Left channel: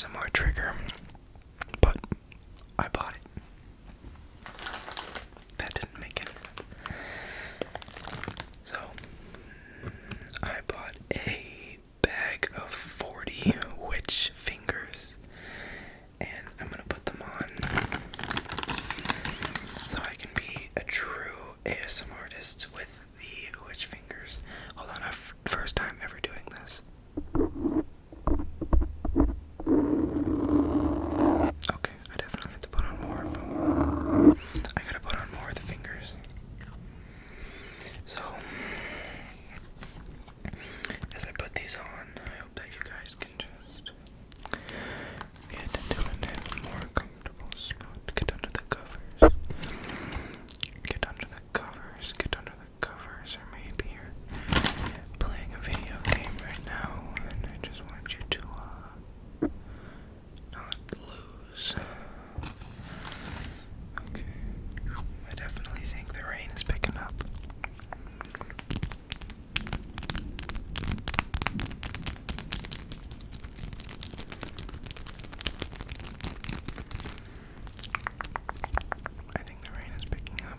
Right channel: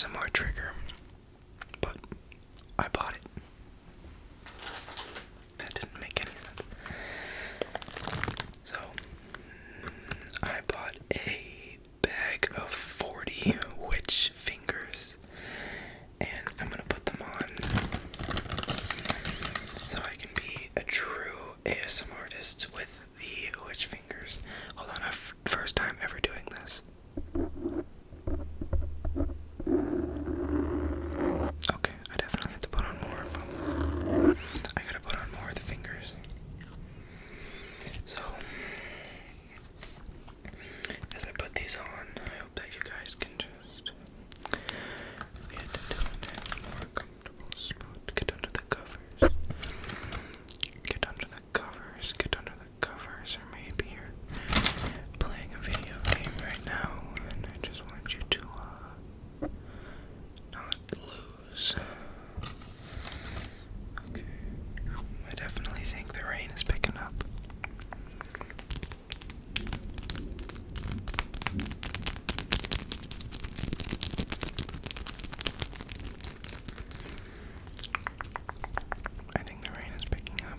ASMR trigger, but I bought it. That didn't make any sense. So, I bought a bag of 40 witch fingers, and I'm gonna put them on so I can be a true ASMR artist with the witch fingers. Hold on, first time ever doing this. Okay, I definitely have to put on more of them. I gotta put on more of the fingers. So, as I put these on, I hope that you guys can just get into a more comfortable spot. Get under the covers. Get under the covers. Get under the covers. Or maybe you're playing a video game right now, and I just want you to not lose. Okay. I definitely think the rain is picking up. I think the rain is picking up.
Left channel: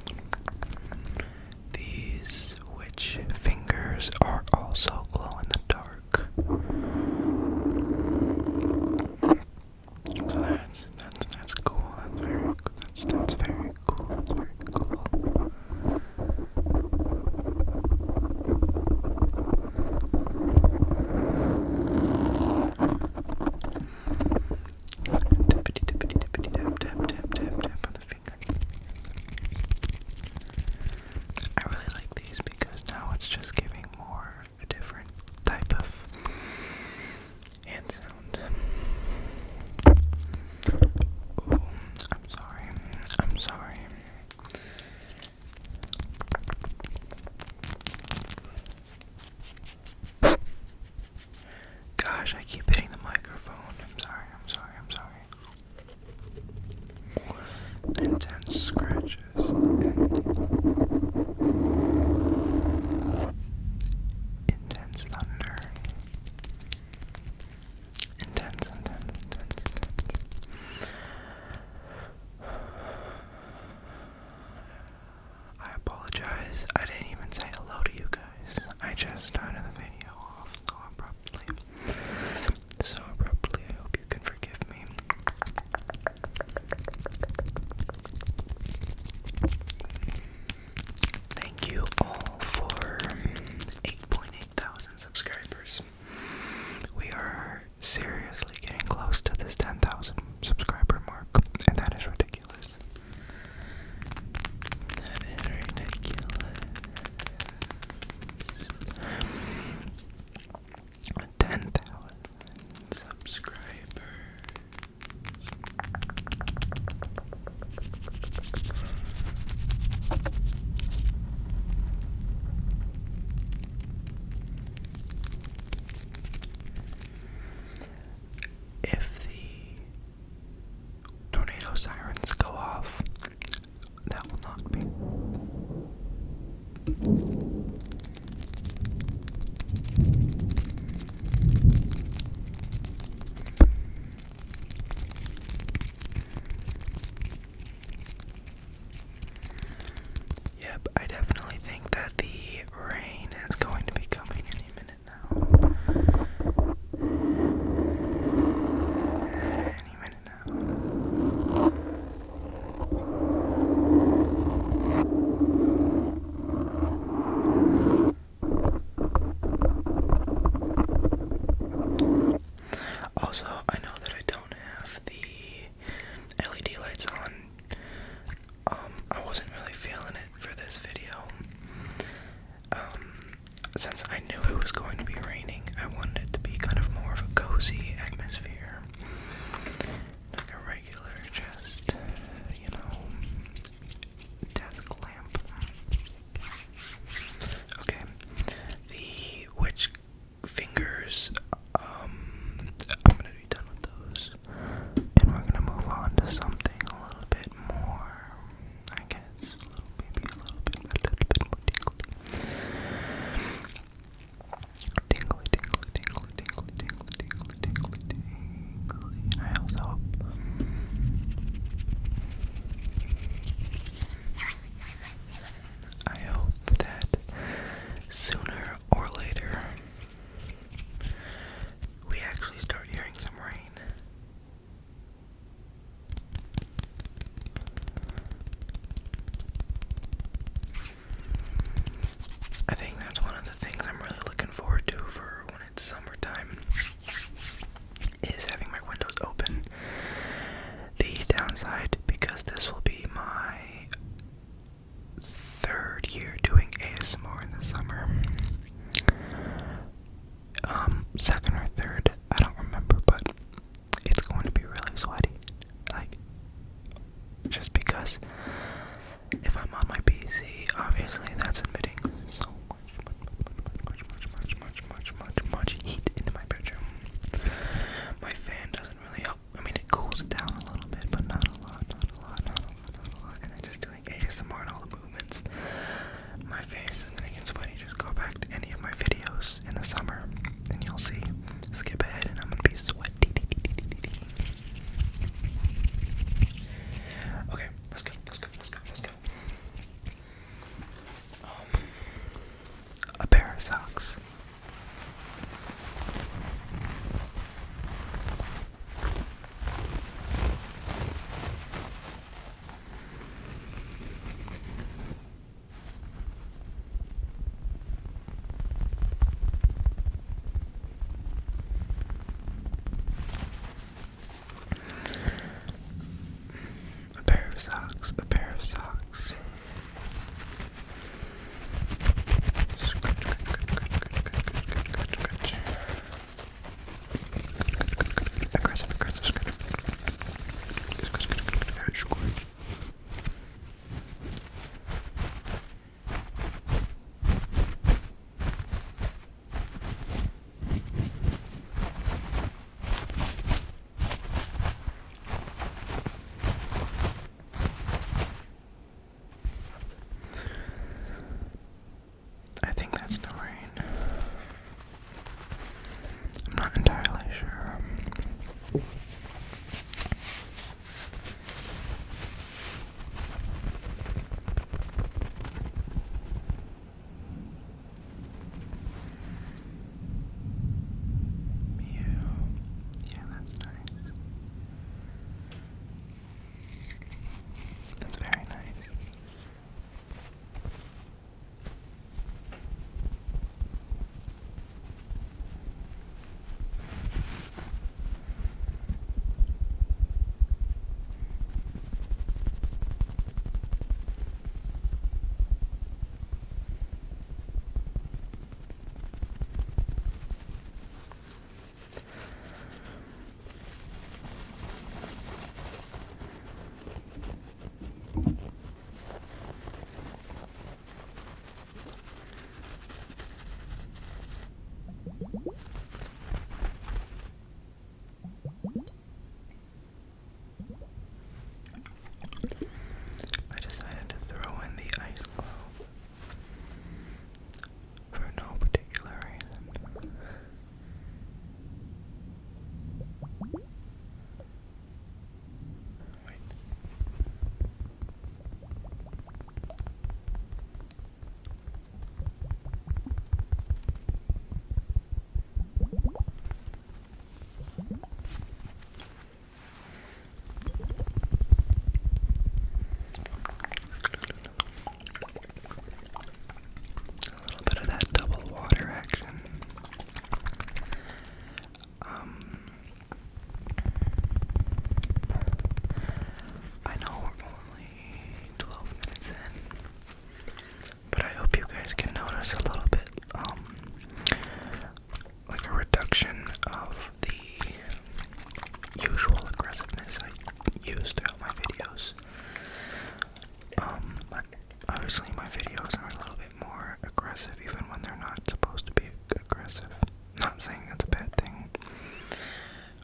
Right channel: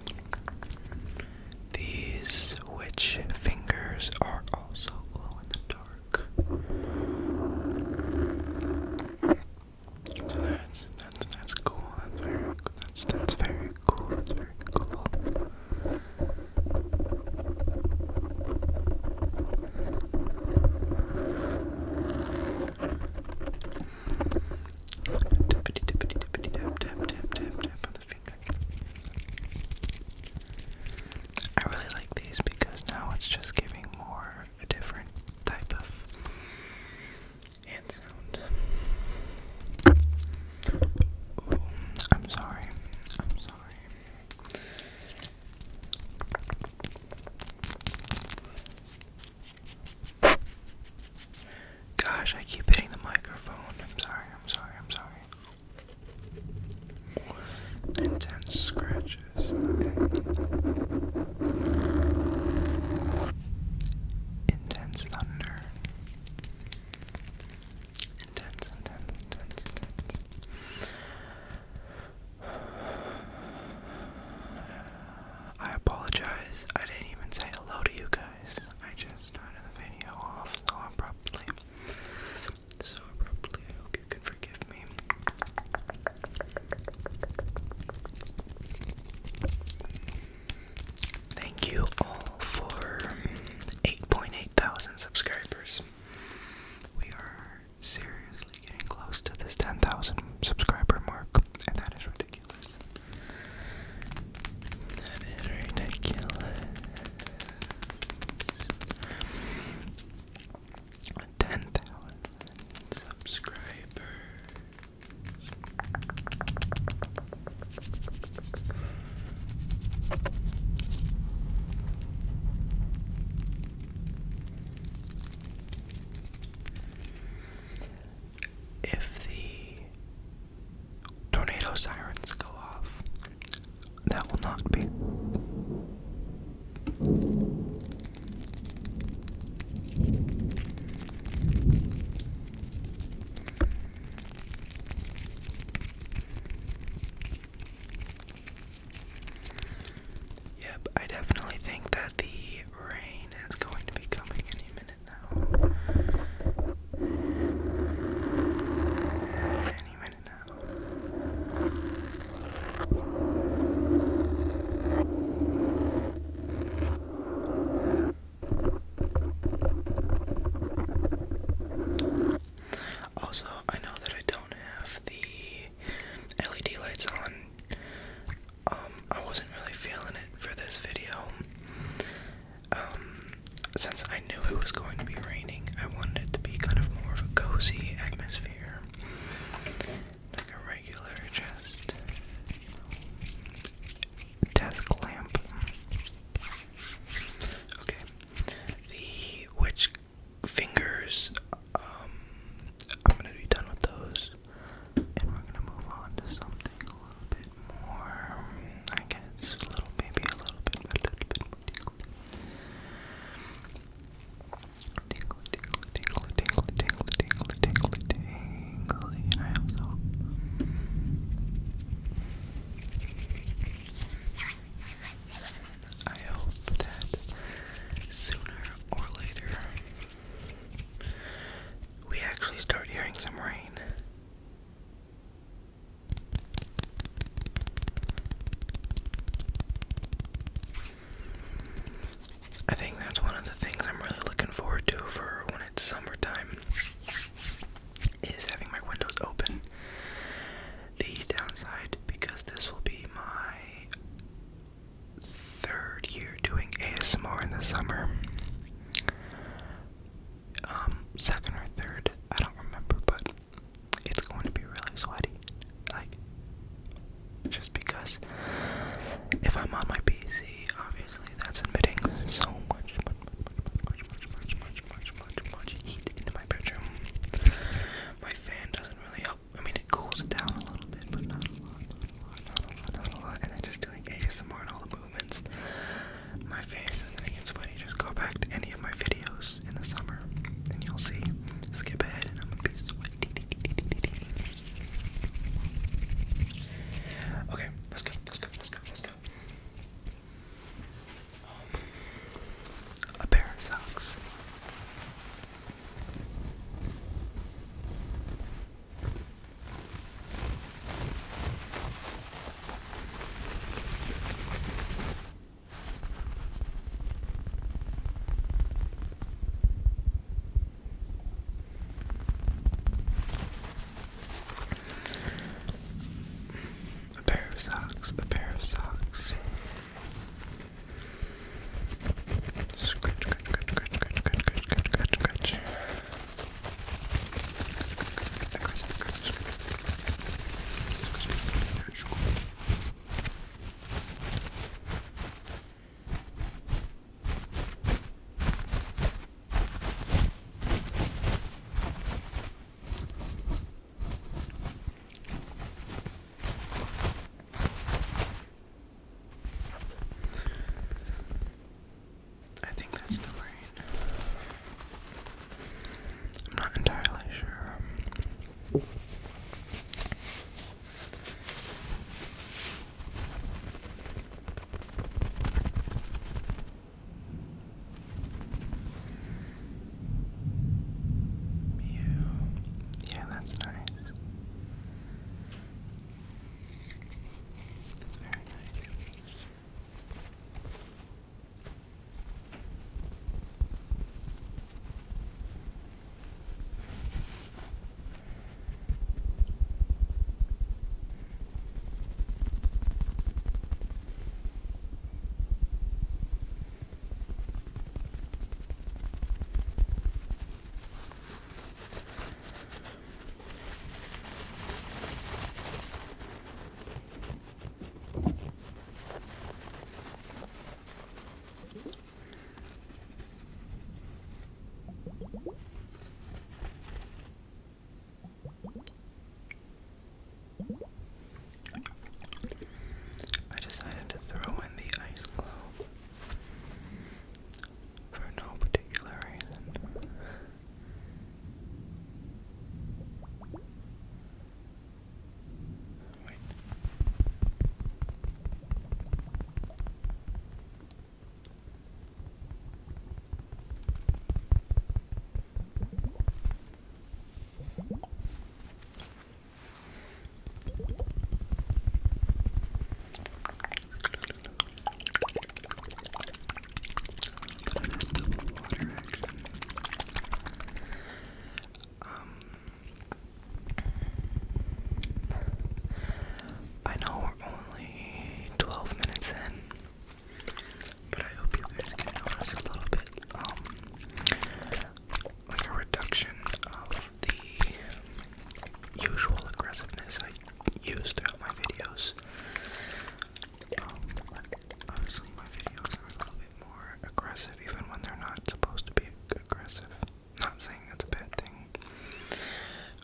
These witch fingers are also glow in the dark. So that's cool. That's very cool. That's very cool. That's very cool. Tippity tippity tippity tap tap tap tap tap on the finger. I really like these because now it's just giving more a different type of hand sound. Ooh, I'm sorry. I'm sorry. Gosh, I keep hitting the microphone. I'm sorry, I'm sorry, I'm sorry. Intense scratches. Intense thunder. Intense. I apologize. I didn't even say hello to you guys. I just started the video off so abruptly. I hope you can forgive me. Thank you all for 8.8 thousand subscribers. We are seriously getting close to this 10,000 subscriber mark, and that is ridiculous. That is ridiculous. 10,000 subscribers. If the tornado sirens go off, that will not be. Yep, I definitely think that the rain is going to be coming any minute now. Any minute now. Also, I know that I don't have the LED lights on. I wasn't really feeling it for this video. Since I knew it was going to be raining, I wanted it to be kind of more of a cozy atmosphere. Like a regular, just, desk lamp. Okay. The witch fingers, I'm gonna be done with those. And we're gonna move on to something a little bit more, I guess, a little bit more tingly. Tingly.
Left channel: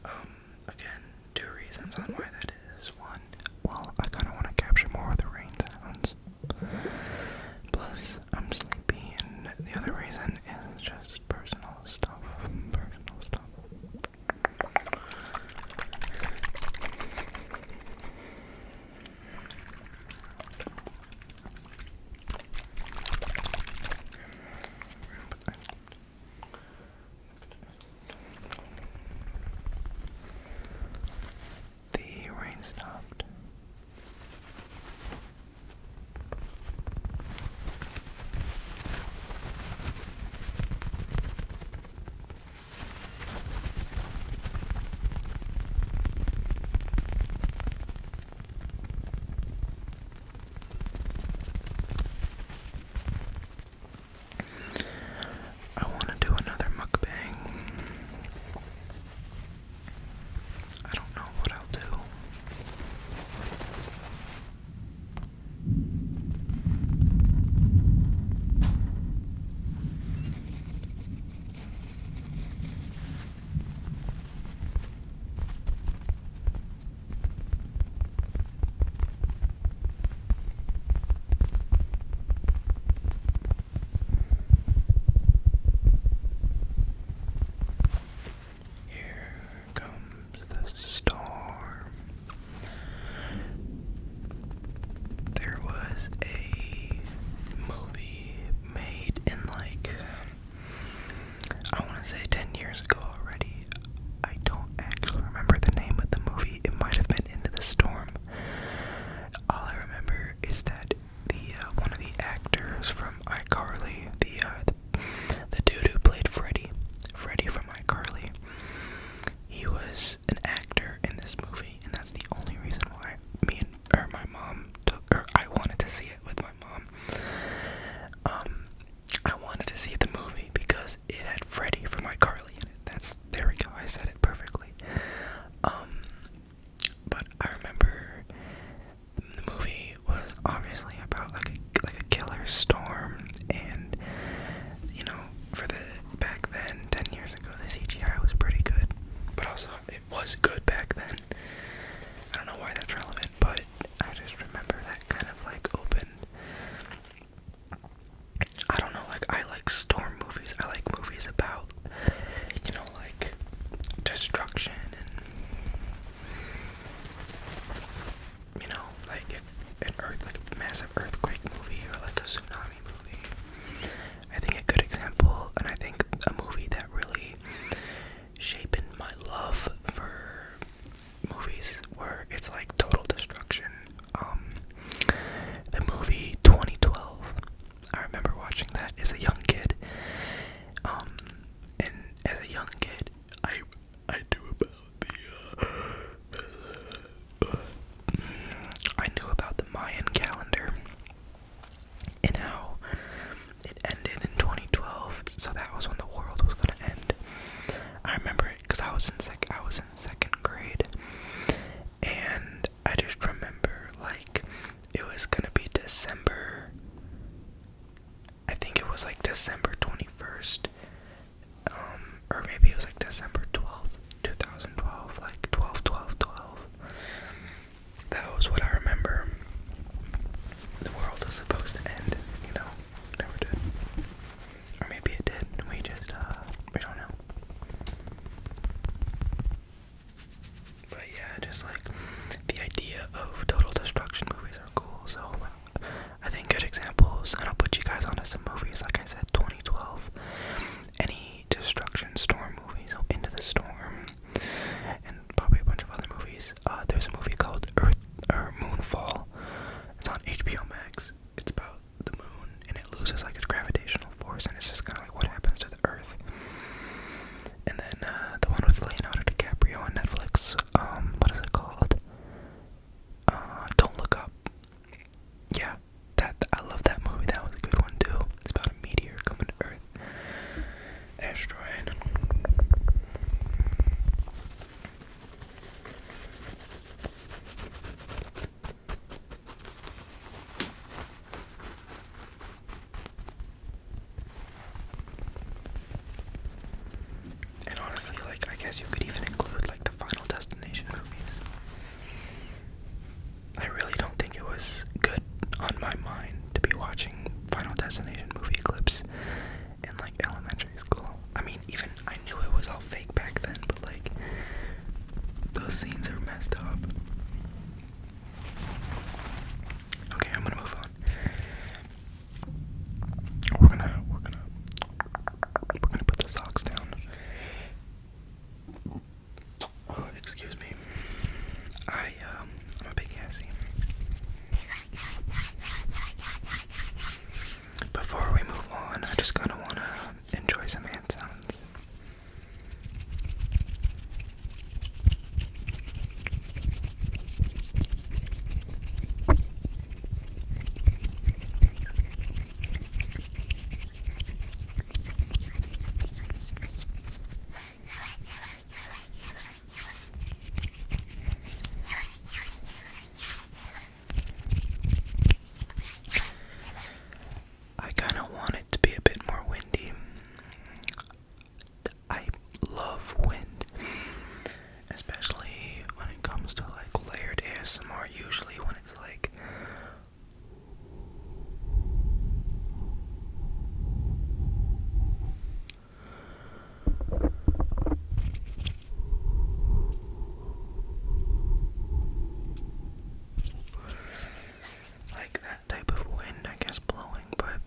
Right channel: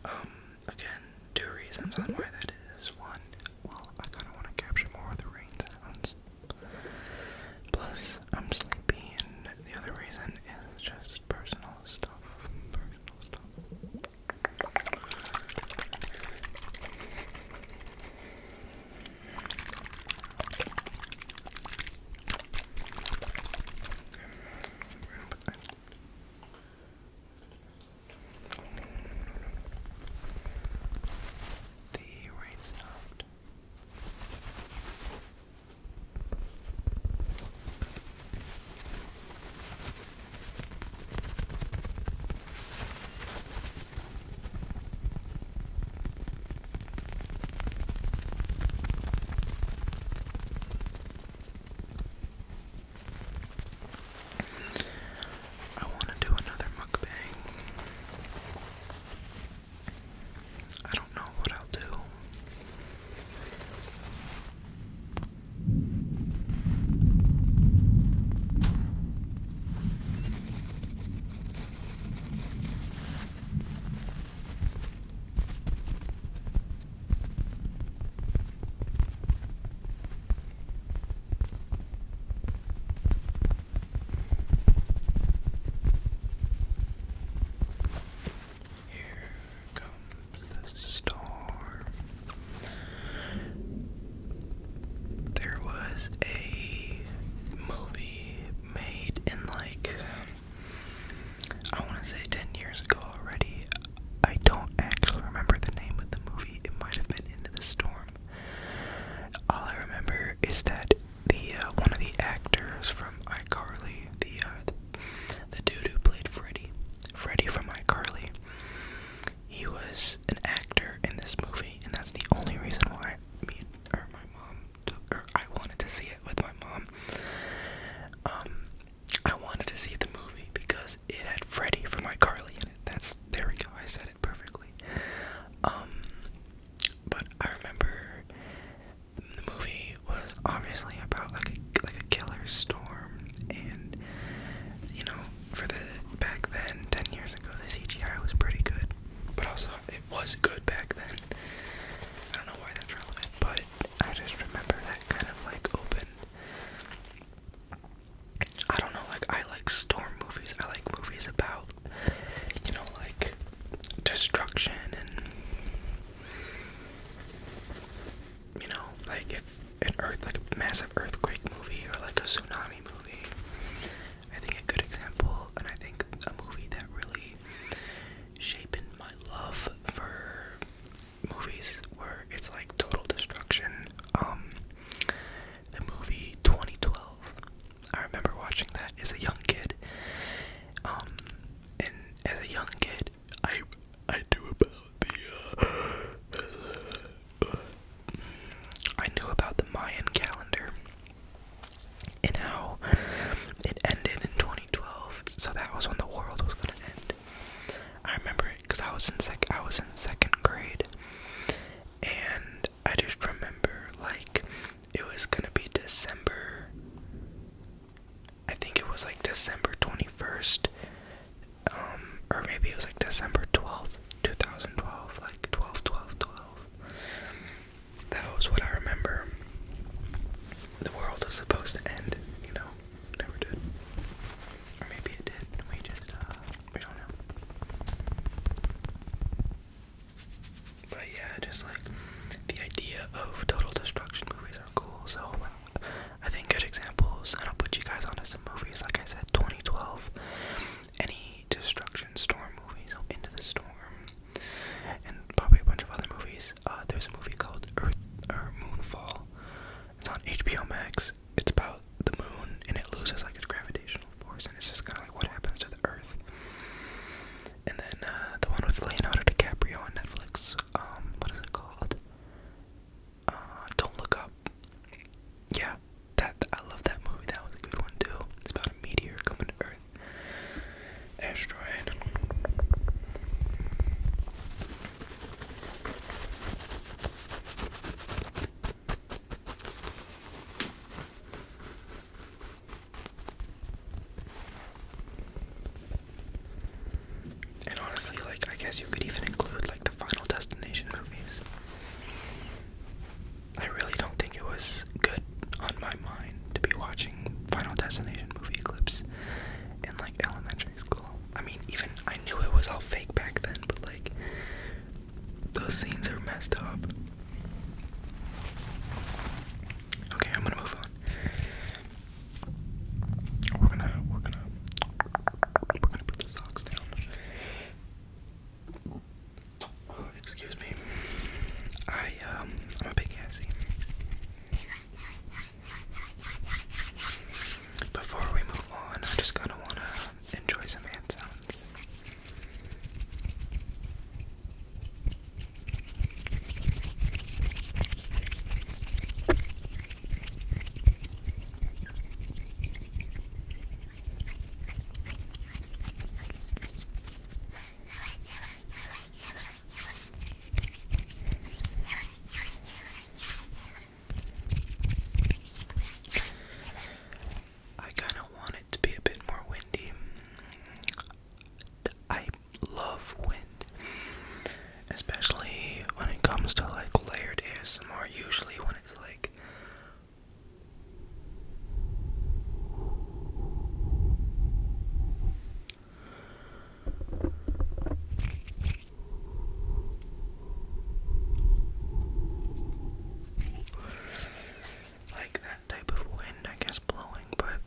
Again, two reasons on why that is. One, well, I kind of want to capture more of the rain sounds. Plus, I'm sleepy, and the other reason is just personal stuff. Personal stuff. The rain stopped. I want to do another mukbang. I don't know what I'll do. Here comes the storm. There was a movie made in like, I want to say 10 years ago already. I don't actually remember the name of the movie. It might have been Into the Storm. All I remember is that the one of the actors from iCarly, the dude who played Freddy from iCarly, he was an actor in this movie, and that's the only reason why my mom I wanted to see it with my mom. I wanted to see the movie because it had Freddy from iCarly in it. There we go, I said it perfectly. But I remember the movie was obviously about like a killer storm, and you know, for the back then, 10 years ago, the CGI was pretty good, but also it was good back then. I don't know why that's relevant, but I just remember that kind of like opened. I don't know, like I like storm movies. I like movies about, you know, like destruction and, you know, like if like a massive earthquake movie or like a tsunami movie. I think a good example, and I think a movie that really shaped my love for movies where it's like total destruction. The movie 2012. I remember watching that as a young kid. And as a young kid, I knew about the Mayan calendar and how it ended in 2012. So that was when the world was gonna end. I remember it because I was in second grade, and I just remember like it was gonna be December. I think it was like December 21st, or maybe it was like December 12th, 2012, like 12/12/12. That was what I remember. The world was supposed to end, you know, never did. Or maybe it did, and we don't know. But yeah, just like the idea of total destruction movies are cool, so I think good examples, and I'll put you guys onto some movies, like I said, 2012, any destruction storm movies, so Into the Storm, and probably a bunch of other movies. There's a movie called Moonfall. It's on HBO Max. It's about the moon, and it loses like its gravitational force, and it's just kind of like what happens to the Earth. And then the one with Leonardo DiCaprio on Netflix. What is it called? Don't Look Up. Yeah, I love that movie. That was a good one too. It's about a meteor coming to Earth. especially when it comes to like layered ASMR, usually when it's like that type of wind, I guess, blowing, but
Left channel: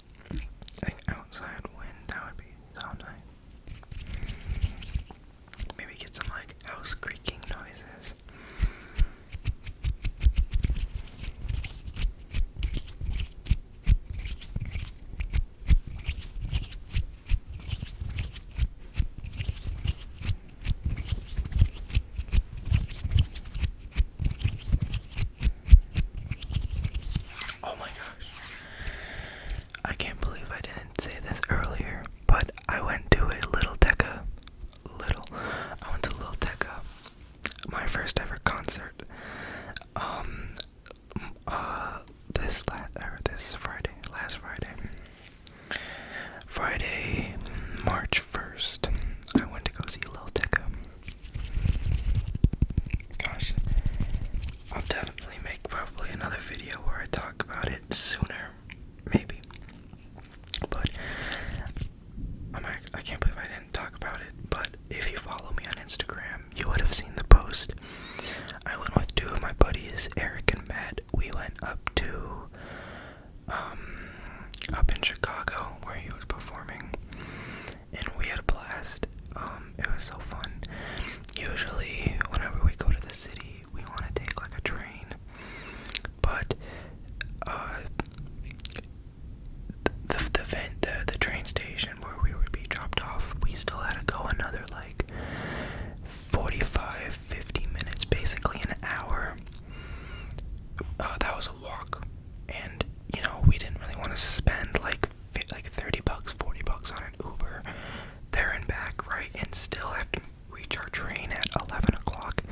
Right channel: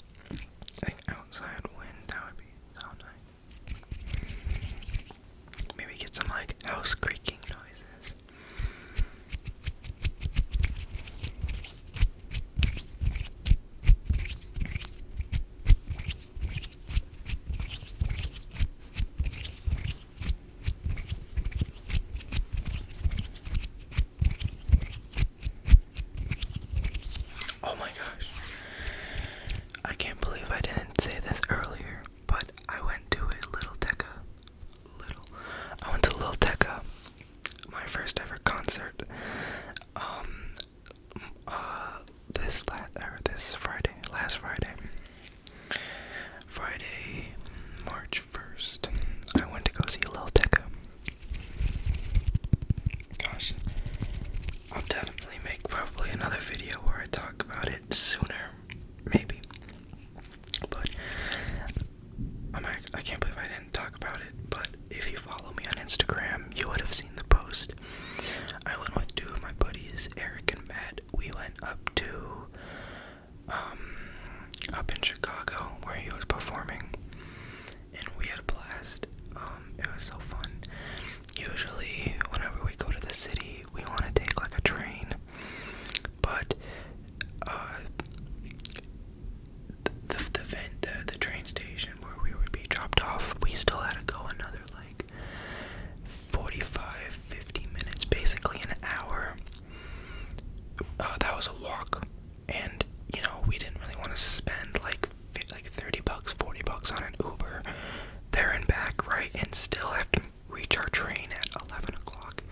like outside wind, that would be so nice. Maybe get some like house creaking noises. Oh my gosh. I can't believe I didn't say this earlier, but I went to a Little Tecca. I went to Little Tecca, my first ever concert. Last Friday, March 1st, I went to go see Little Tecca. Gosh, I'll definitely make probably another video where I talk about it sooner, maybe. But I can't believe I didn't talk about it. But if you follow me on Instagram, you would have seen the post. I went with two of my buddies, Eric and Matt. We went up in Chicago where he was performing, and we had a blast. It was so fun. Usually, whenever we go to the city, we want to take like a train, but the train station where we would be dropped off, we still had to go another like 45-50 minutes, basically an hour. That was a walk, and you know, we didn't really want to spend like $30, $40 on an Uber there and back, right? And still have to reach our train at 11 o'clock,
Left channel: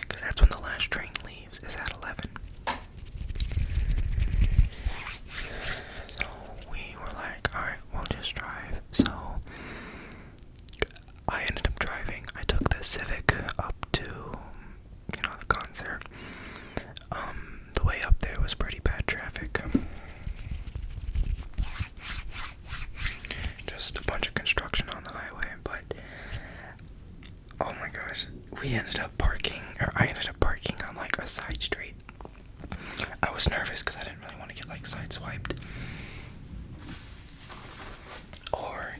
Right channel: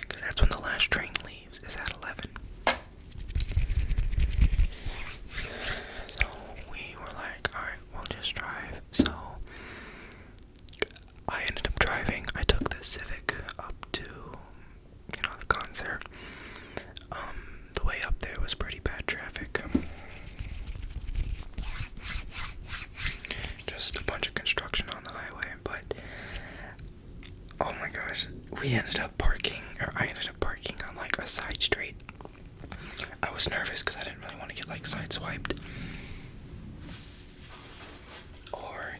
because that's when the last train leaves, is at 11. So we were like, alright, we'll just drive. So I ended up driving. I took the Civic up to, the concert. The way up there was pretty bad traffic. Just a bunch of construction on the highway, but oh my gosh, I ended up parking on like a side street. I was nervous because I didn't really want to get like sideswiped, or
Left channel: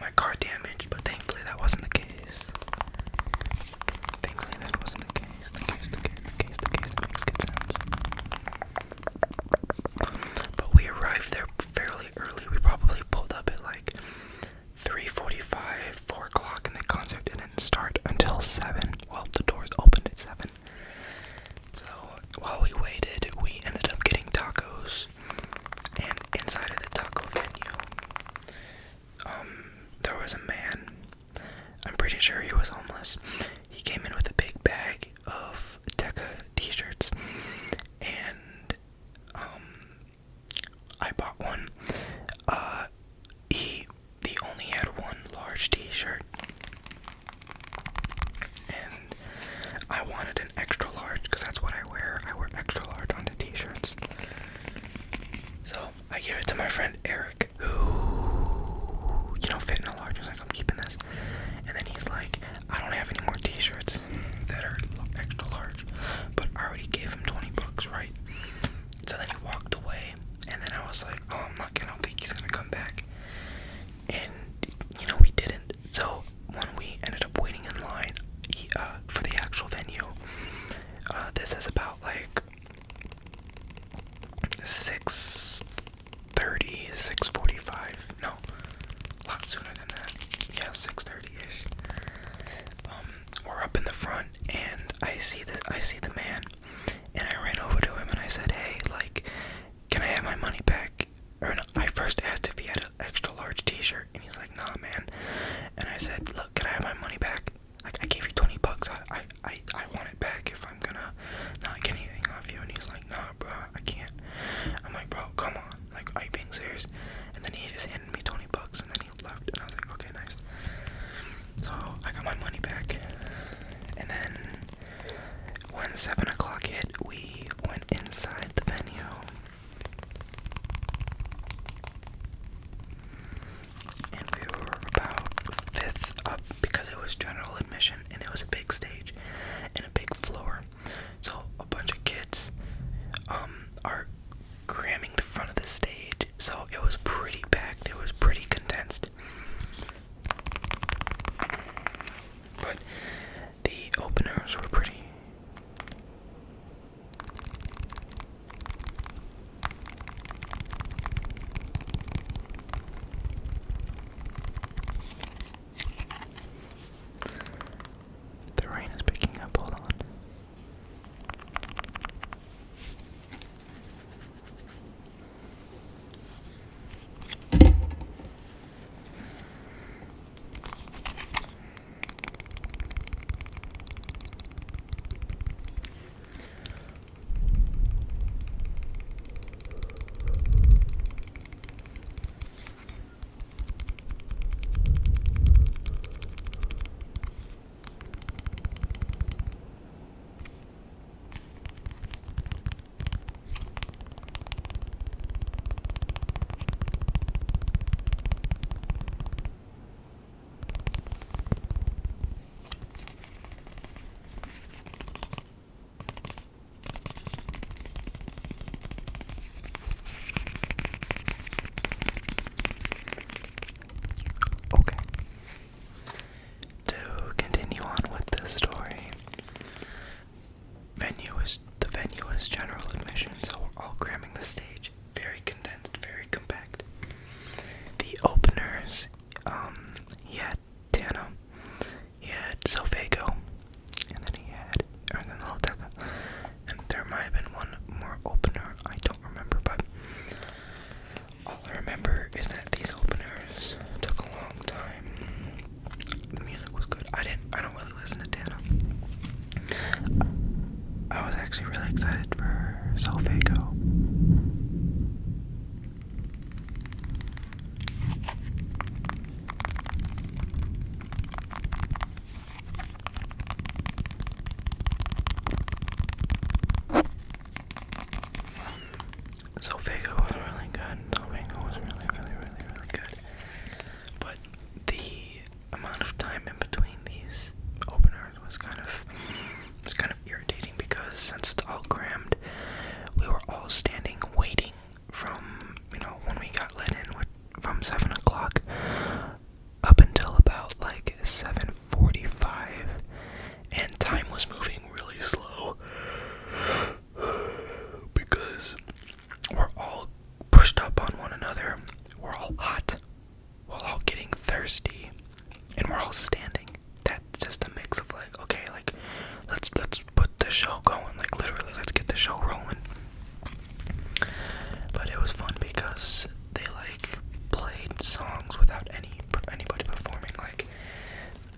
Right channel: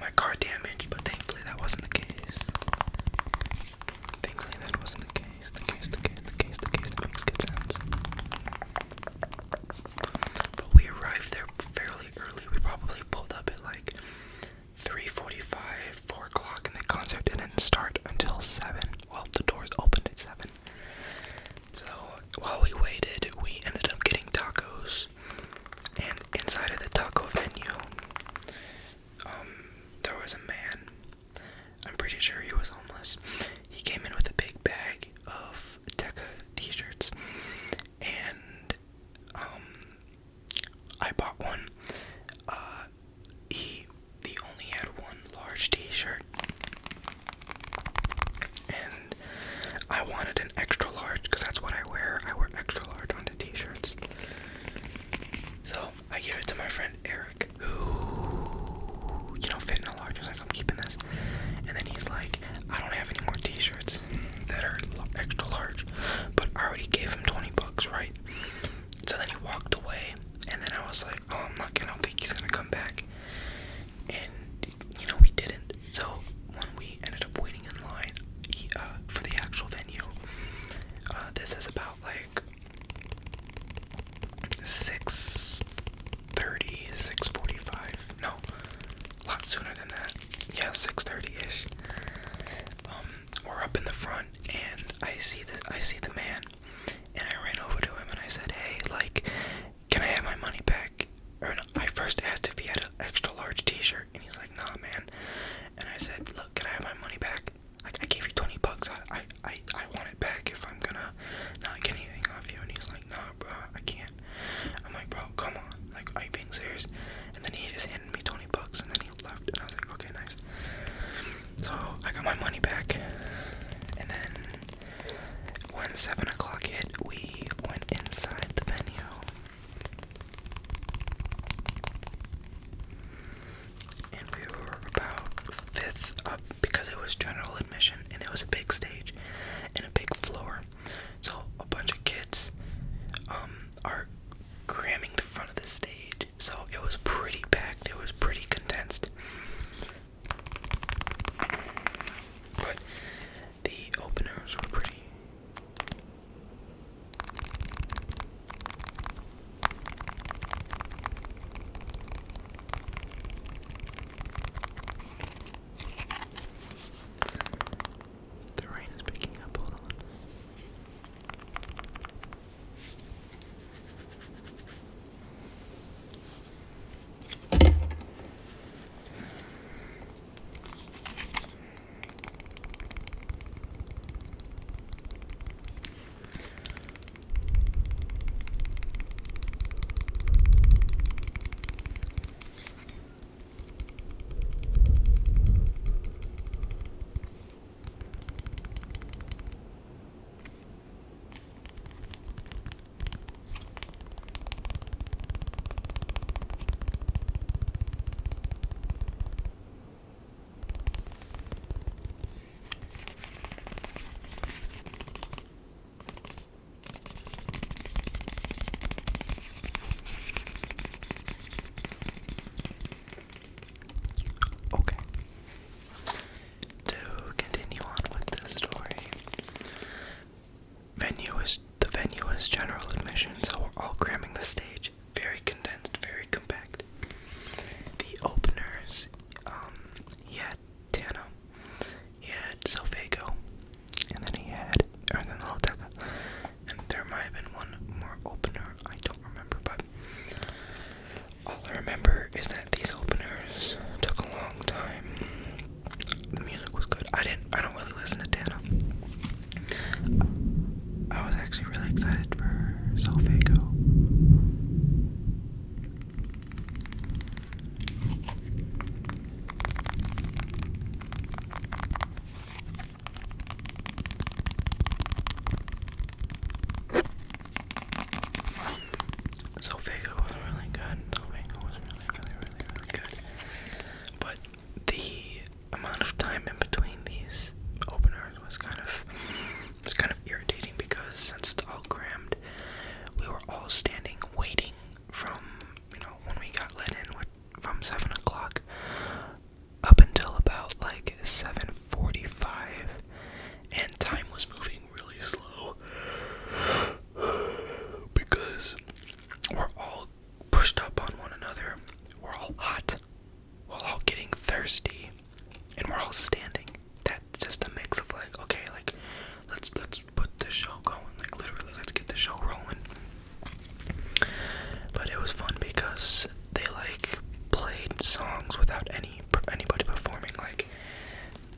my car damaged, but thankfully that wasn't the case. The case. That makes good sense. But we arrived there fairly early. We probably pulled up at like 3:45, 4 o'clock, and the concert didn't start until 7. Well, the doors opened at 7. So while we waited, we ended up getting tacos. And inside of the taco venue, there was a man. I'm pretty sure he was homeless. He came in with a big bag of Tecca t-shirts, and I bought one. He only had one large t-shirt, and I wanted an extra large because that's what I wear. I wear extra large on the t-shirts. So I gave it to my friend Eric, who fit in a large. He's like, I'm keeping this. And then he's like, I don't have any more t-shirts that are extra large, but I already gave him $20, right? So then he walked away, and then I was like, oh, I don't think he's gonna come back. And we didn't. So when we ended up waiting in line for the actual venue, was general admission, so we're all cramming the stage. Very condensed, very compact. The openers, he had Tana, he had Sophago, and then the little tecca. And there might have been one more opener, I don't remember, but all I remember is that these openers took a long time. The music was good. I don't really listen to Tana. I was actually really excited for Sophago. Sophago was really good. Sophago was really good. But the amount of time in between these openers was kind of irritating, because since it's all crammed, we were all standing waiting from, when we got let in from 7 o'clock up until about like 7:45, and time was moving really slow because we're all pushed up on one another, we're all hot, we're all getting thirsty, and we're all standing. That's just a mix of like, okay, like let's put the show going, like literally let's get the show rolling. But it was fun because they like played songs without anybody performing. Like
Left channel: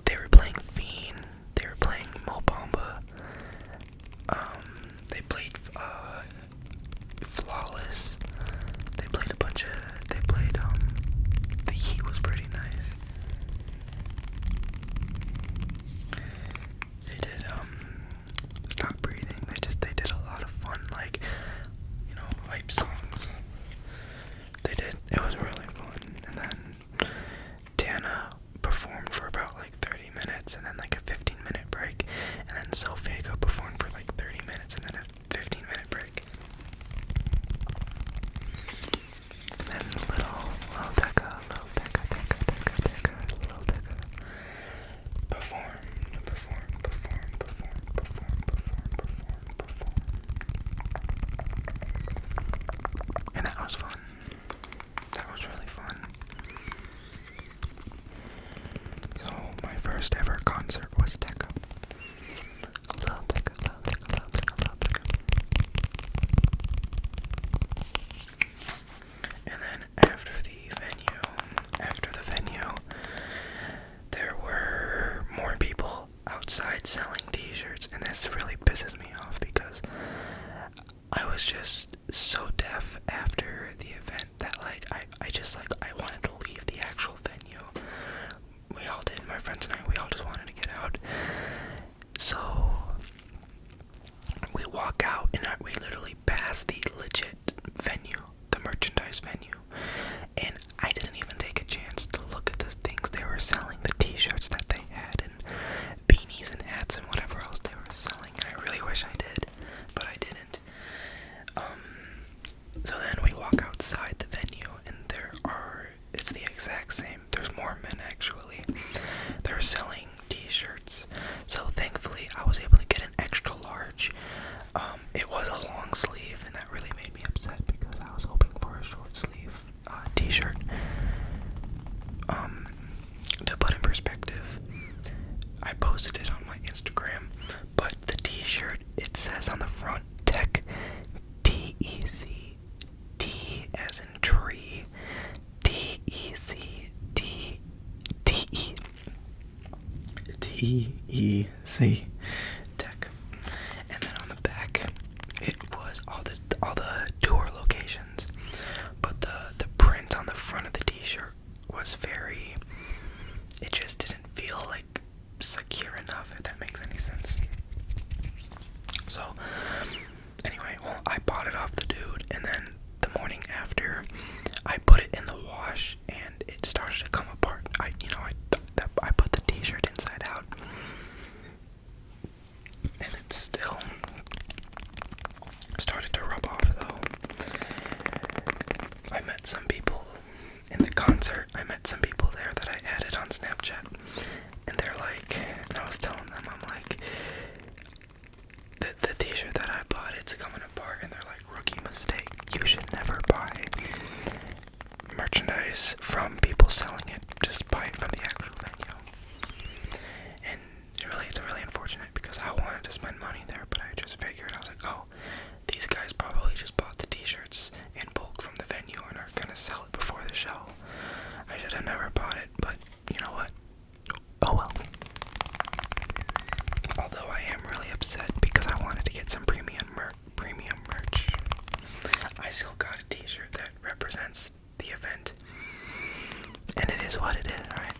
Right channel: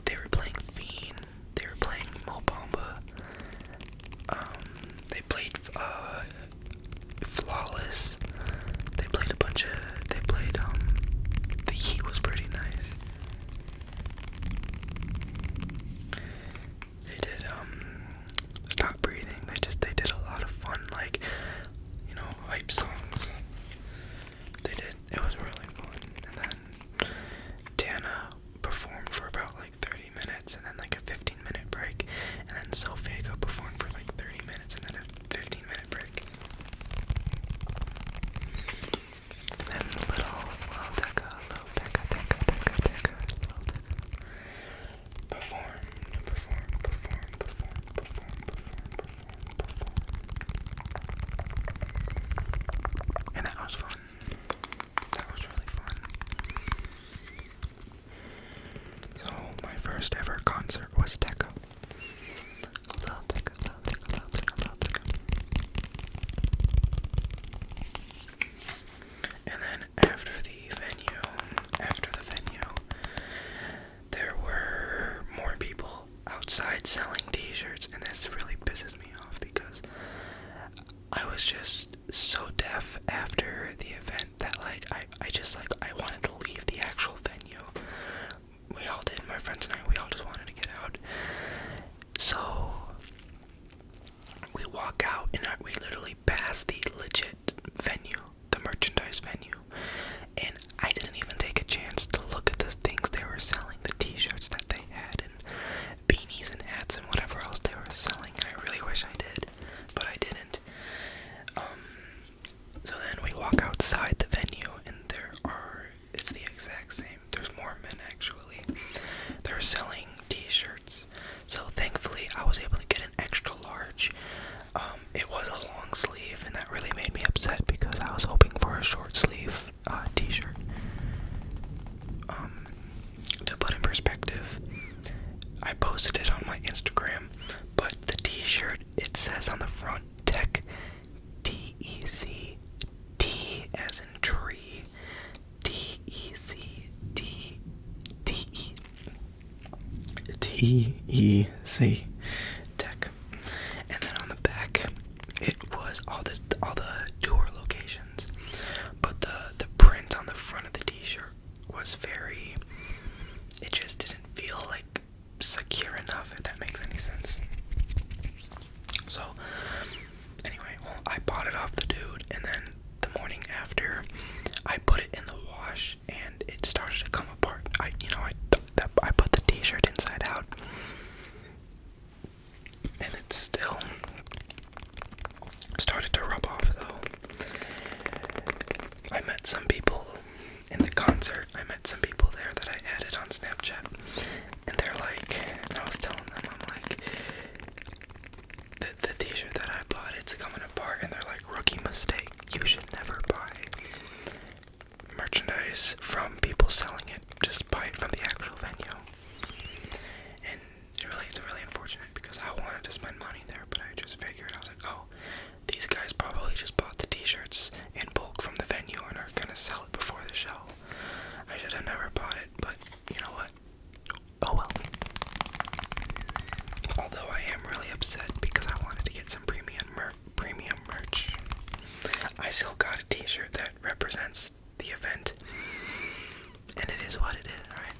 they were playing Fiend, they were playing Mo Bamba, they played Flawless, they played The Heat was pretty nice. They did Stop Breathing. They did a lot of fun, like, hype songs. It was really fun. And then Tana performed for about like 30 minutes, and then like a 15-minute break, and then Sophago performed for like 30 minutes, and then a 15-minute break. And then little tecca, performed. And that was fun. That was really fun. So my first ever concert was tecca. Little tecca. And then after the venue, there were more people outside selling t-shirts, and this really pisses me off because I was just so deaf after the event that like I wanted to leave the actual venue. We all did, my friends and I, we all just wanted to get out. So we walk out and we literally pass the legit venue, the merchandise venue, and I didn't even take a chance to look at the things they were selling, the t-shirts that they had, and beanies and hats and whatever else they were selling. I really wish I did, but I didn't. So then we walk outside the venue, and it's the exact same. There's more men actually. They're selling t-shirts. So thankfully I was able to get an extra large. It was a long sleeve, and that really made me upset because I was hoping for a short sleeve t-shirt. To put in perspective, I posted it on my Instagram, but the t-shirt, it says on the front, tech, T-E-C, T as in tree, T-E-C, T-E, T-E-C, tech. And then on the back, it was all the tour locations, but the print on the front of the t-shirt was it just didn't feel like secure enough, if that makes any sense. So anyway, I bought it off the dude, and then the morning after, I put it in the wash, and it started to come apart. I put the t-shirt inside out, Although I am really upset because I wanted to get some premium merch. I still got a t-shirt that represents the event. And it is what it is, right?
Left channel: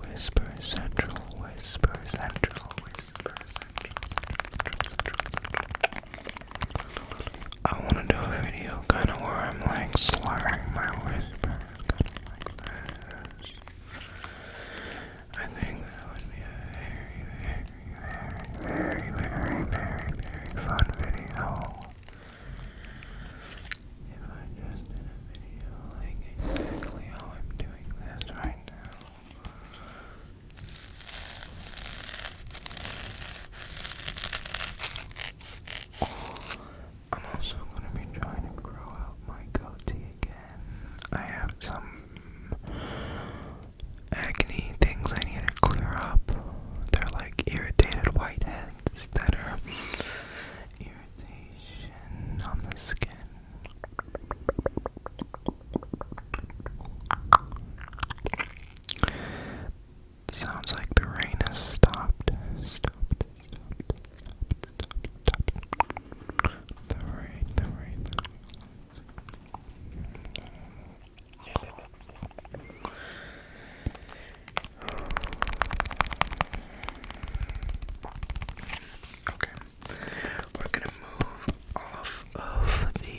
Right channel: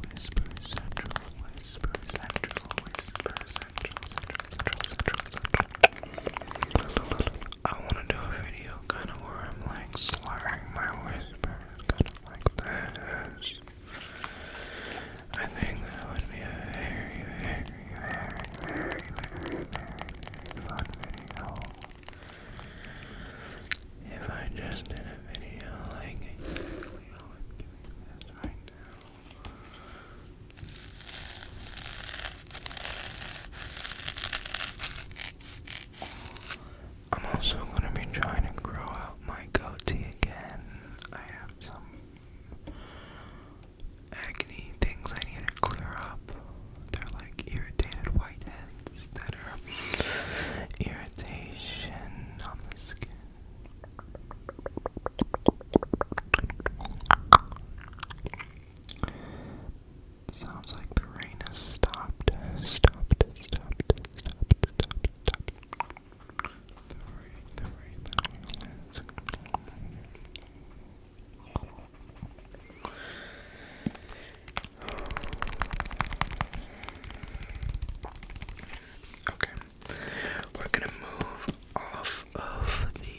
Whisper Central, Whisper Central, Whisper Central, I want to do a video kind of where I'm like slurring my whispers, kind of like this. I think that would be a very, very, very, very, very, very, very fun video. If I just did a video like exactly how I'm doing this right now. I'm also going to be trying to grow out my goatee again. I have some acne things I need to clear up. They're like irritated whiteheads that are irritation on the skin. Sounds like the rain has stopped. The rain. Okay, we're gonna move off of the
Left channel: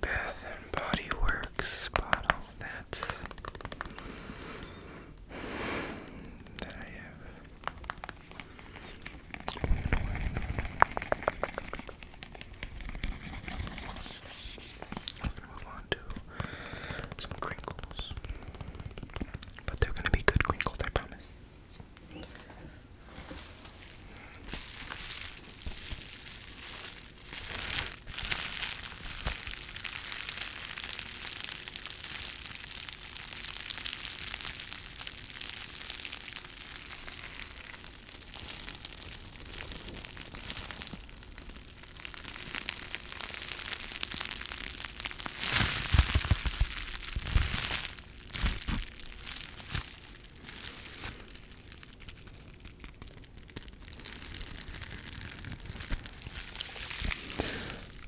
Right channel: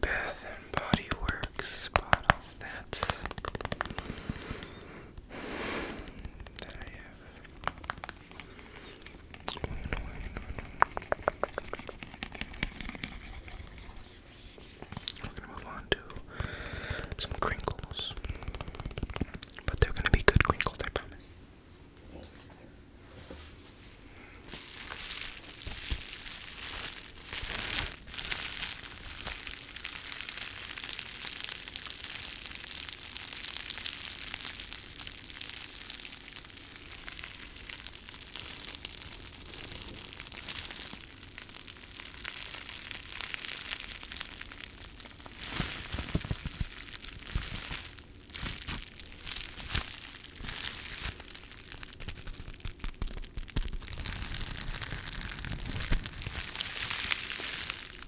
Bath and Body Works bottle that I have. We're gonna move on to some crinkles, but they're gonna be good crinkles, I promise.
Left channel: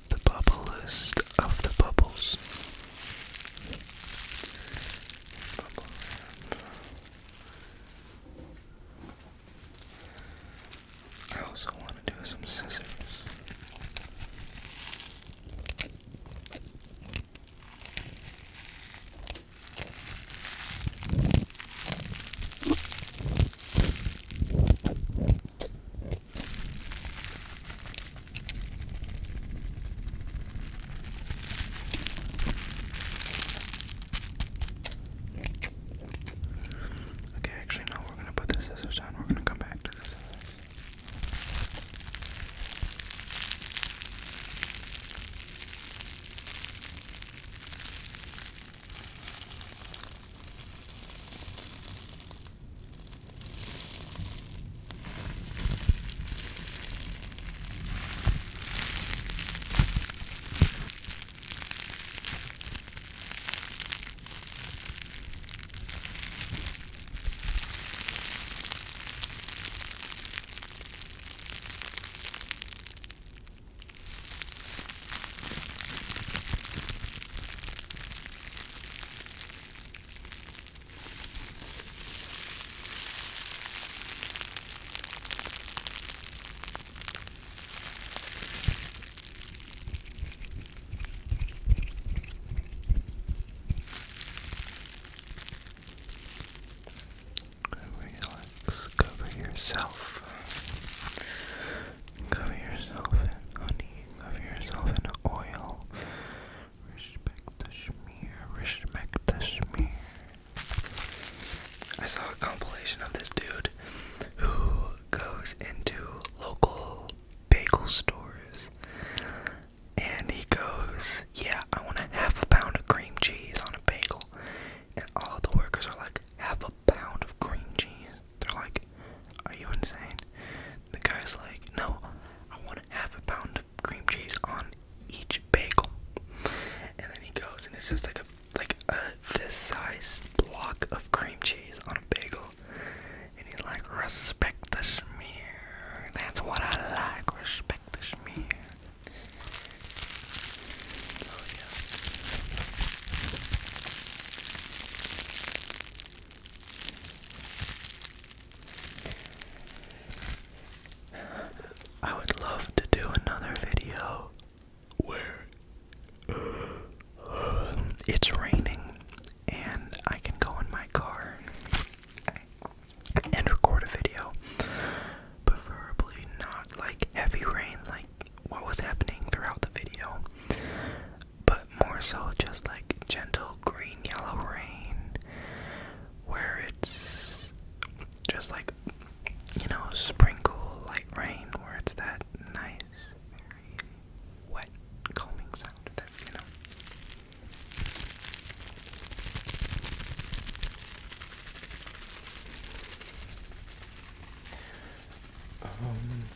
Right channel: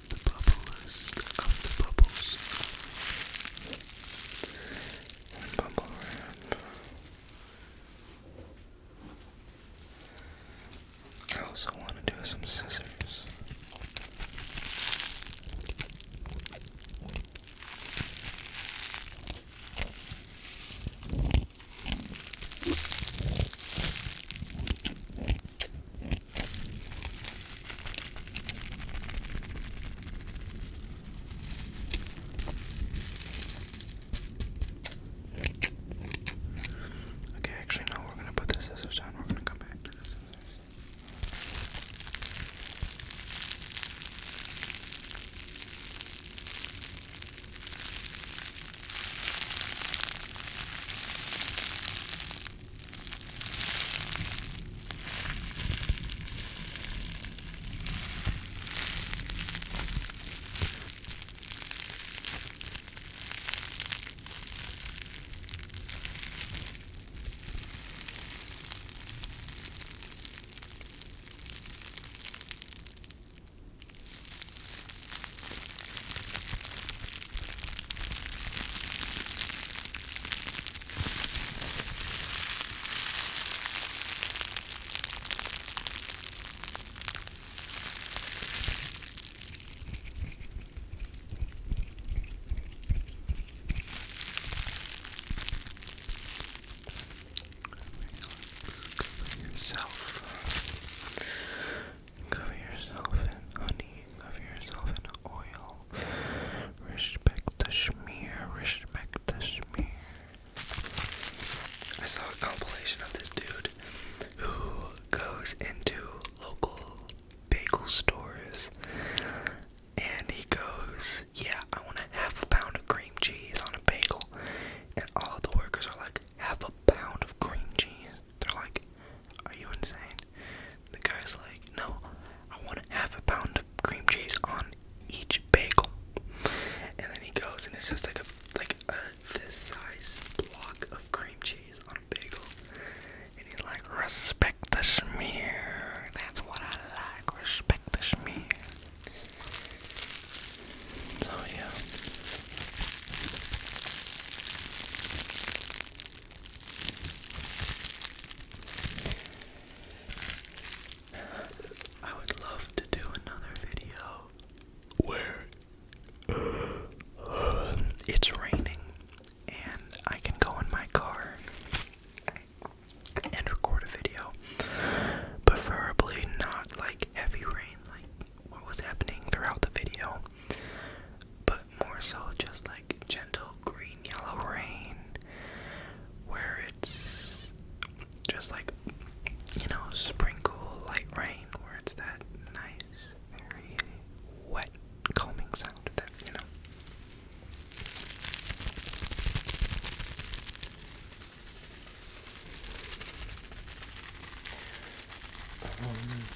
The bubblest of the bubbles. Bubble wrap. I also want to do some scissors. Okay, actually no, we're gonna put the scissors down. We're gonna come back to the scissors.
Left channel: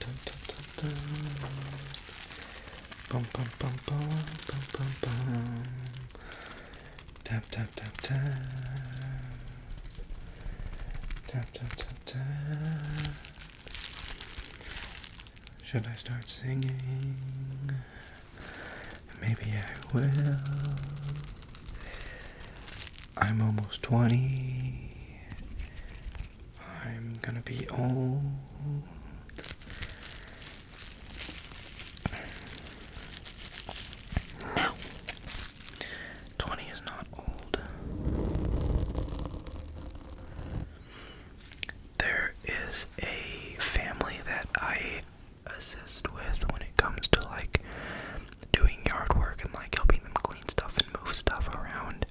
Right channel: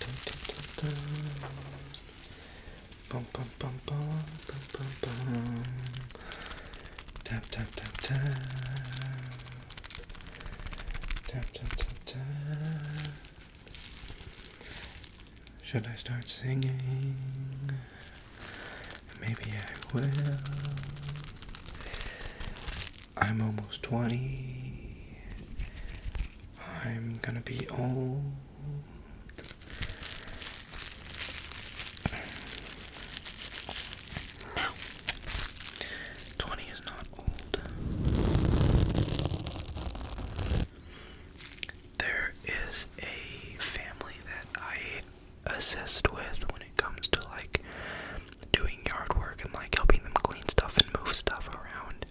dun, dun, dun, dun. Bum bum bum bum bum bum bum. Tap tap tap tap. Tap tap tap tap. Should I start singing? Maybe I will. I'm almost 20. I'm gonna be old. No. 20 is not old. There is a family that I assist with when it comes to like doing yard work and like helping them clean stuff and move stuff around.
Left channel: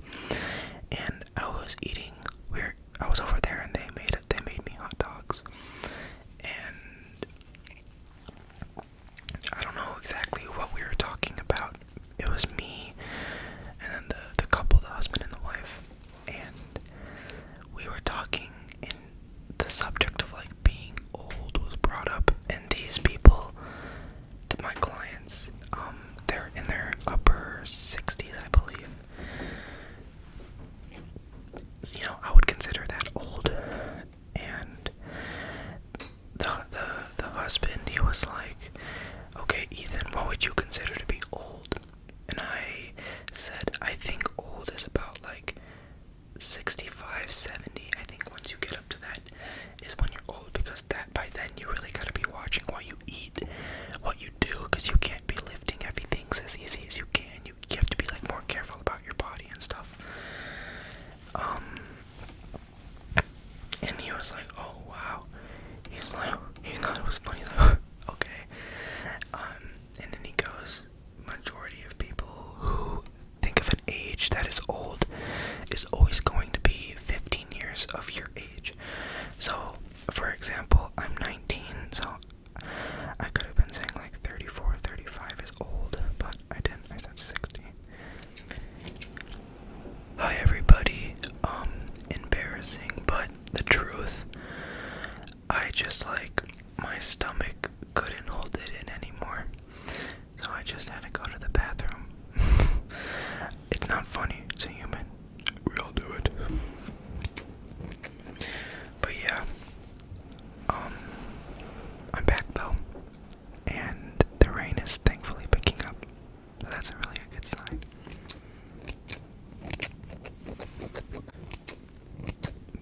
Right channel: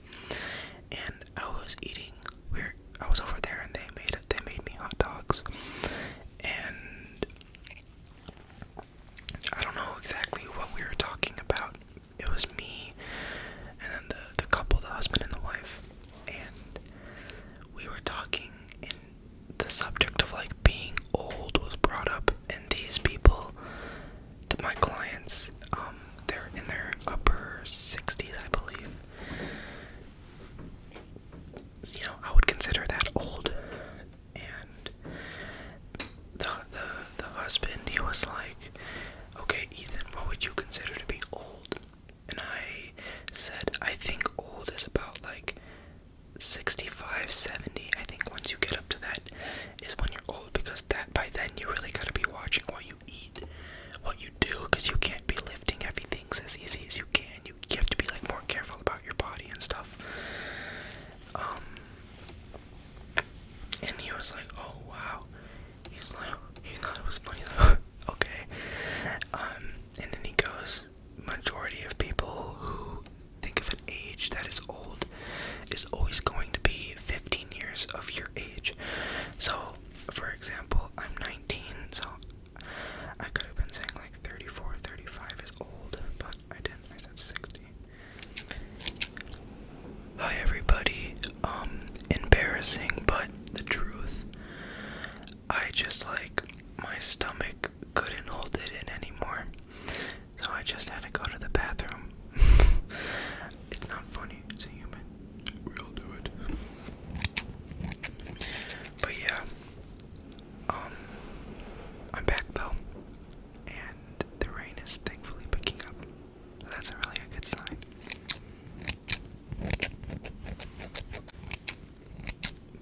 And I was over there and they made me hot dogs. And I don't know exactly what we were talking about. It was me and then the couple, the husband and the wife. And we were talking and the subject of like being old was brought up, and these people, my clients, they're in their upper 60s, I believe. You know, I would consider that old. And the husband, he was like, okay, Ethan, what would you consider to be old? And I said, I think old is about like 65, 70. I think once you get up to that is when you're old, because that by then you really gotta be watching what you eat, what you do, because you can't be lifting heavy things as easy as you can. You have to be like more careful about your body and stuff. And he was like, oh wow. He's like, he thought it was funny. He's like, okay. And then he goes, majority of people who think of an age that is old is always going to be 15 years of your age. So, for example, I'm 19, so I could have been saying like 34, 35 is old, but I didn't. I said 60. Hi everybody. Embarrassing, but the truth. I just like, my stomach couldn't hold it in anymore. So I just had to go to the bathroom. It's not funny, it's a human. We all do it. But yeah. I'm back though. And the rain is thankfully picking up. So that's really a good sign.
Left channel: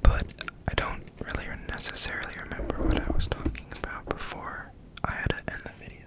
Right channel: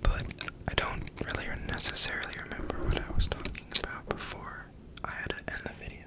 But I don't really necessarily remember what I was talking about before I had to end the video.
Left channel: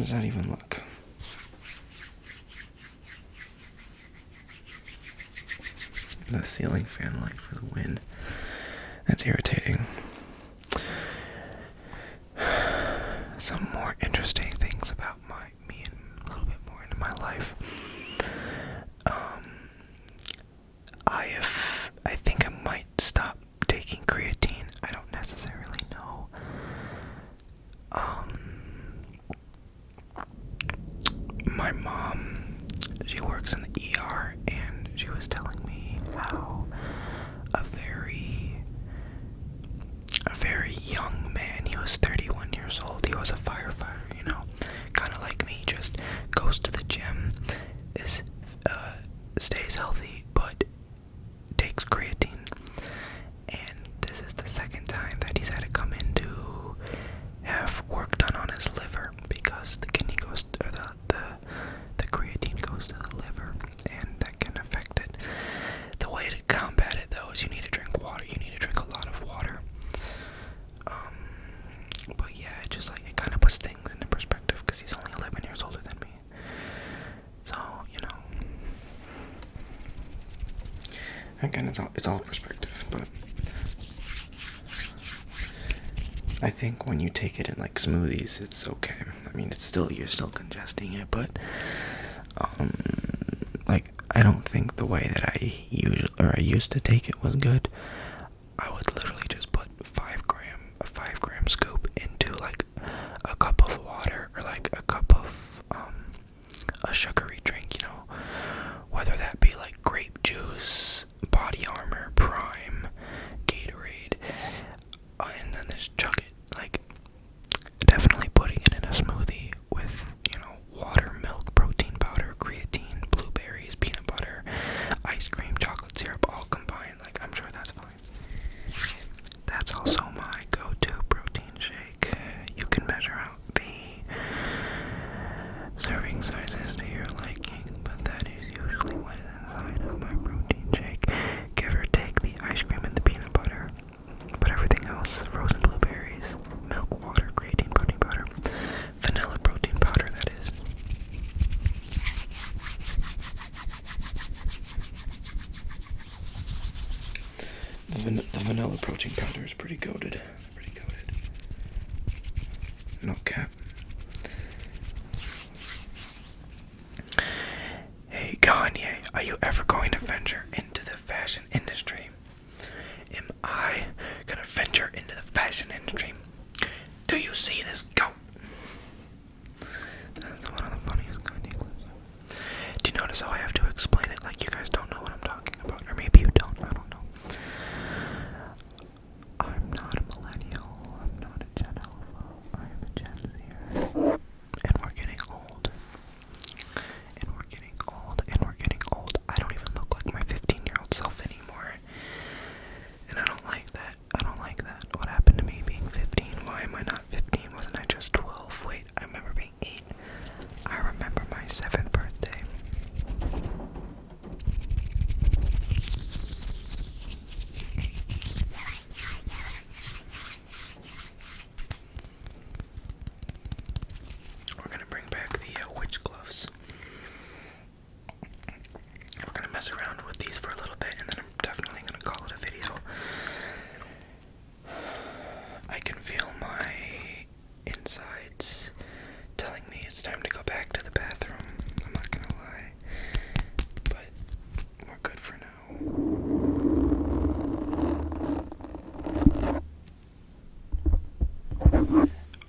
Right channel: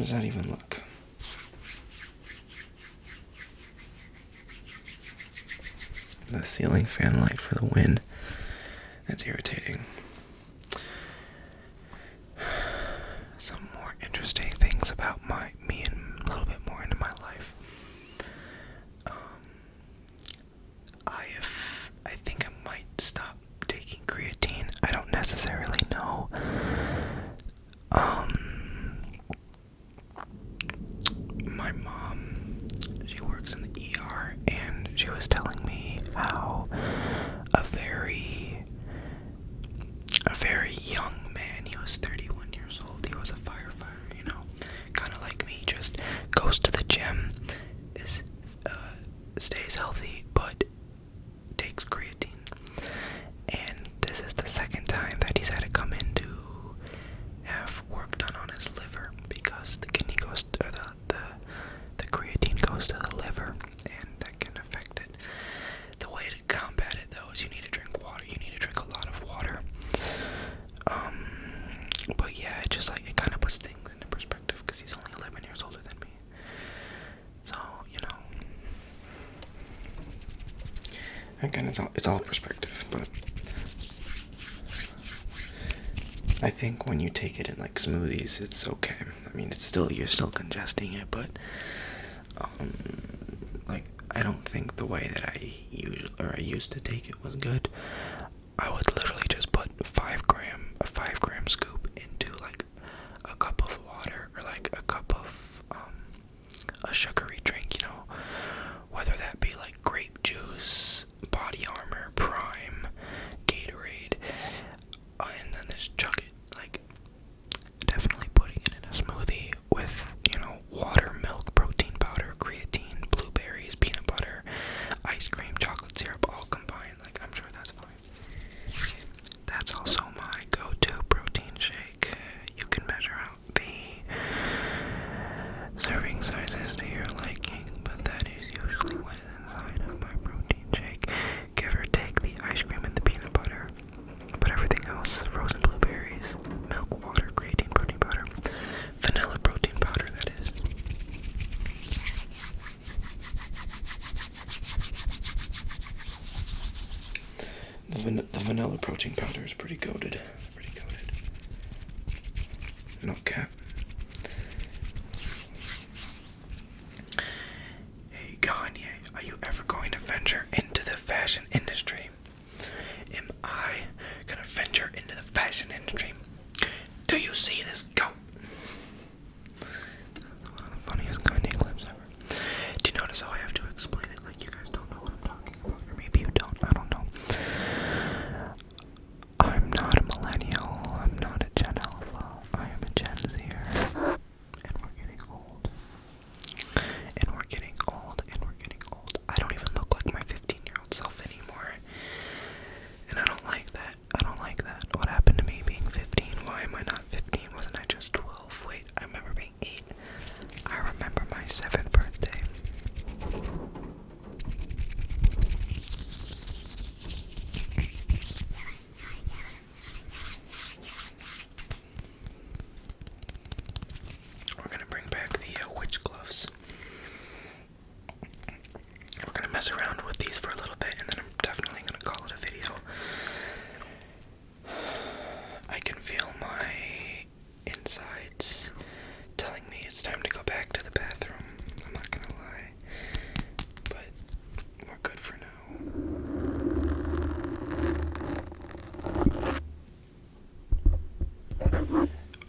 does that even look? The ceiling fan light for the wind. That's irritating. Some more interesting things about me and a little bit more into my life. I think I might stop taking creatine. I don't necessarily know. My mom, she works in the ER, and she was telling me how a very young man, he was 31 years old, he was a firefighter, you know, kind of like me, just goes to the gym, stays healthy, but takes creatine. And this is the second time that he's had to come in to have work done on his liver, because the kidney goes, or the creatine goes to the liver, and that can affect it. The way to combat it, though, is you need to drink water. You need to drink a lot of water. But yeah, it kind of puts things into perspective, because he's only 11 years older than me. So, you know, again, it's all perspective, but I think when you take it in like smoothies, it's okay. I mean, you're still congesting it, but like, I don't think the way that I used to take it was good. I would literally just put a 5 gram scoop into like a cup of water, or like a cup of a sugary drink, you know, whether that be like grape juice, Body Armor, Prime, Gatorade, and then just chug it. Like, definitely putting it in a smoothie with, you know, water, milk, protein powder, creatine, blueberries, peanut butter, ice cream, chocolate syrup, all combined. Like, I'm sure that's fine. That's also my go-to protein shake. You can measure out the serving sizes to your liking, but that is usually what is inside of my protein shake. Give or take the ice cream and the peanut butter, but everything else, frozen blueberries, milk, water, creatine, protein powder, vanilla protein powder, that is. The vanilla protein powder is pretty goated. No cap. Hey Kanye, are you ever going to venture into the fashion industry? Am I gonna venture into the fashion industry? Do you see this goat? That's one of the funniest Kanye clips ever. Do you notice how I have to explain it like you guys don't know what I'm talking about? Or maybe you don't, I don't know. I'm not a millennial, I'm not a Gen Alpha, I am a Gen Zer. And we're getting old. I don't even look like my 15-year-old self anymore. And I don't like that. What happened to me being 15? Why am I not 15? Wasn't I just 12? Wait, I remember being 8. I remember my 7th birthday. We're gonna bring back the witch gloves. We're gonna mess around with these for a little bit, and then I'm definitely gonna call it a video. I can feel my insides telling me it's time to go back to the bathroom. I'm not gonna lie, but we're good for now.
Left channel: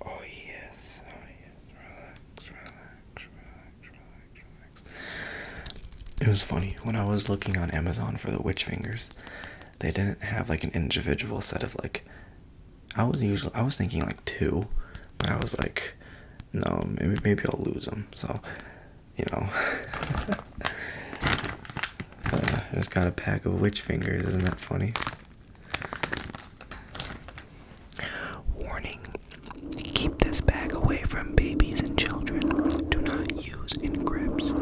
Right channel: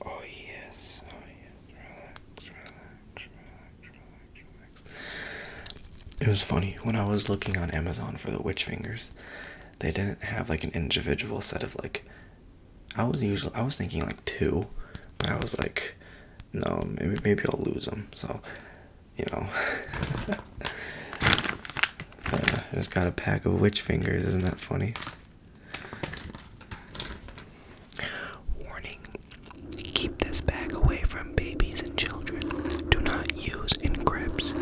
Oh yes. Relax. It was funny, when I was looking on Amazon for the witch fingers, they didn't have like an individual set of like, I was thinking like 2, but I was like, no, maybe I'll lose them, so, you know. I just got a pack of witch fingers, isn't that funny? Warning, keep this bag away from babies and children. Do not use in cribs,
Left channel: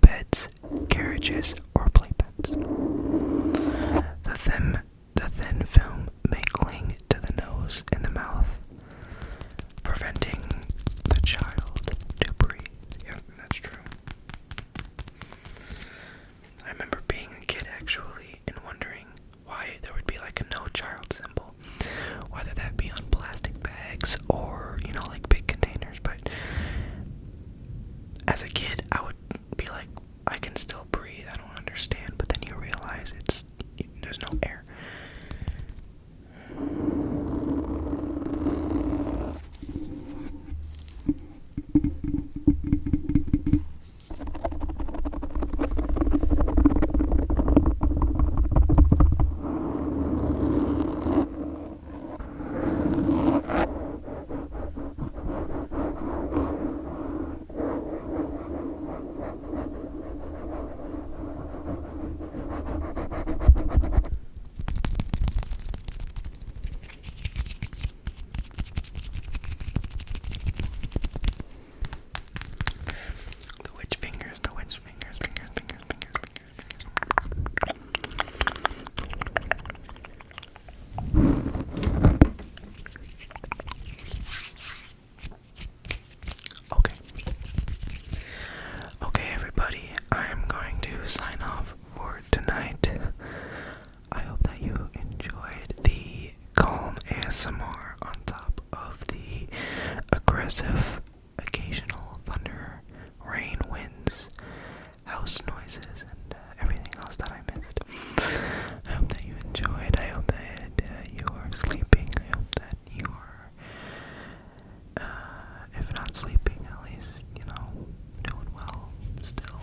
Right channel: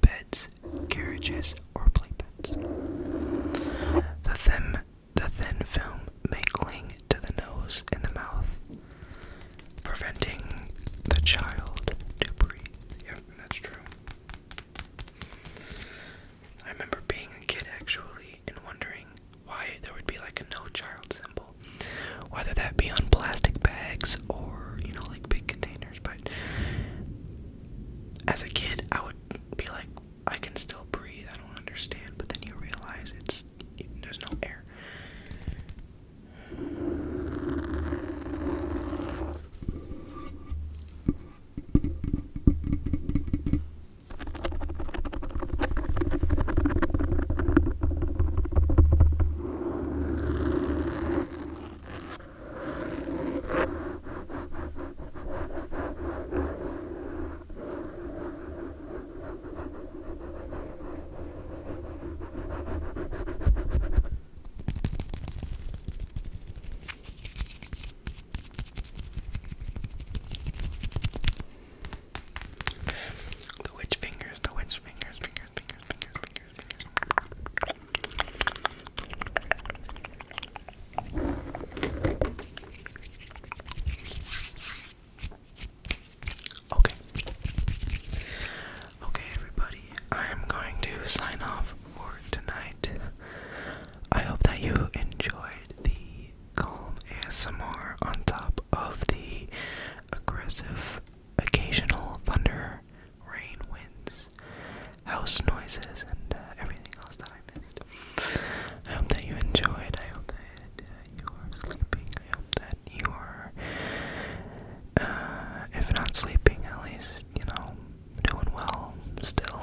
beds, carriages, or playpens. The thin film may cling to the nose and the mouth, preventing the child to breathe. ghost noises and everything else that I missed. I hope that you enjoyed. I hope that you are sleeping. I hope that you are, if not sleeping, at least, you know, doing well still.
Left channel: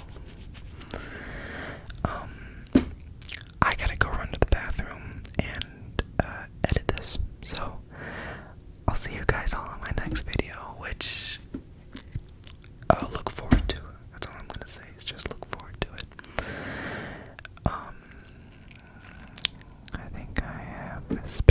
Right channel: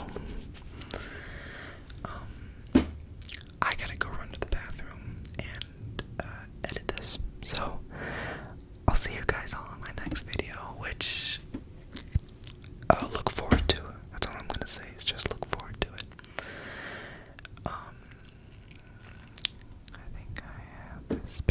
I gotta go run to the bathroom and edit this. So I'll see you guys all in my next video, which I'll look forward to. That's all I'm gonna say, is just look forward to it. I think I have this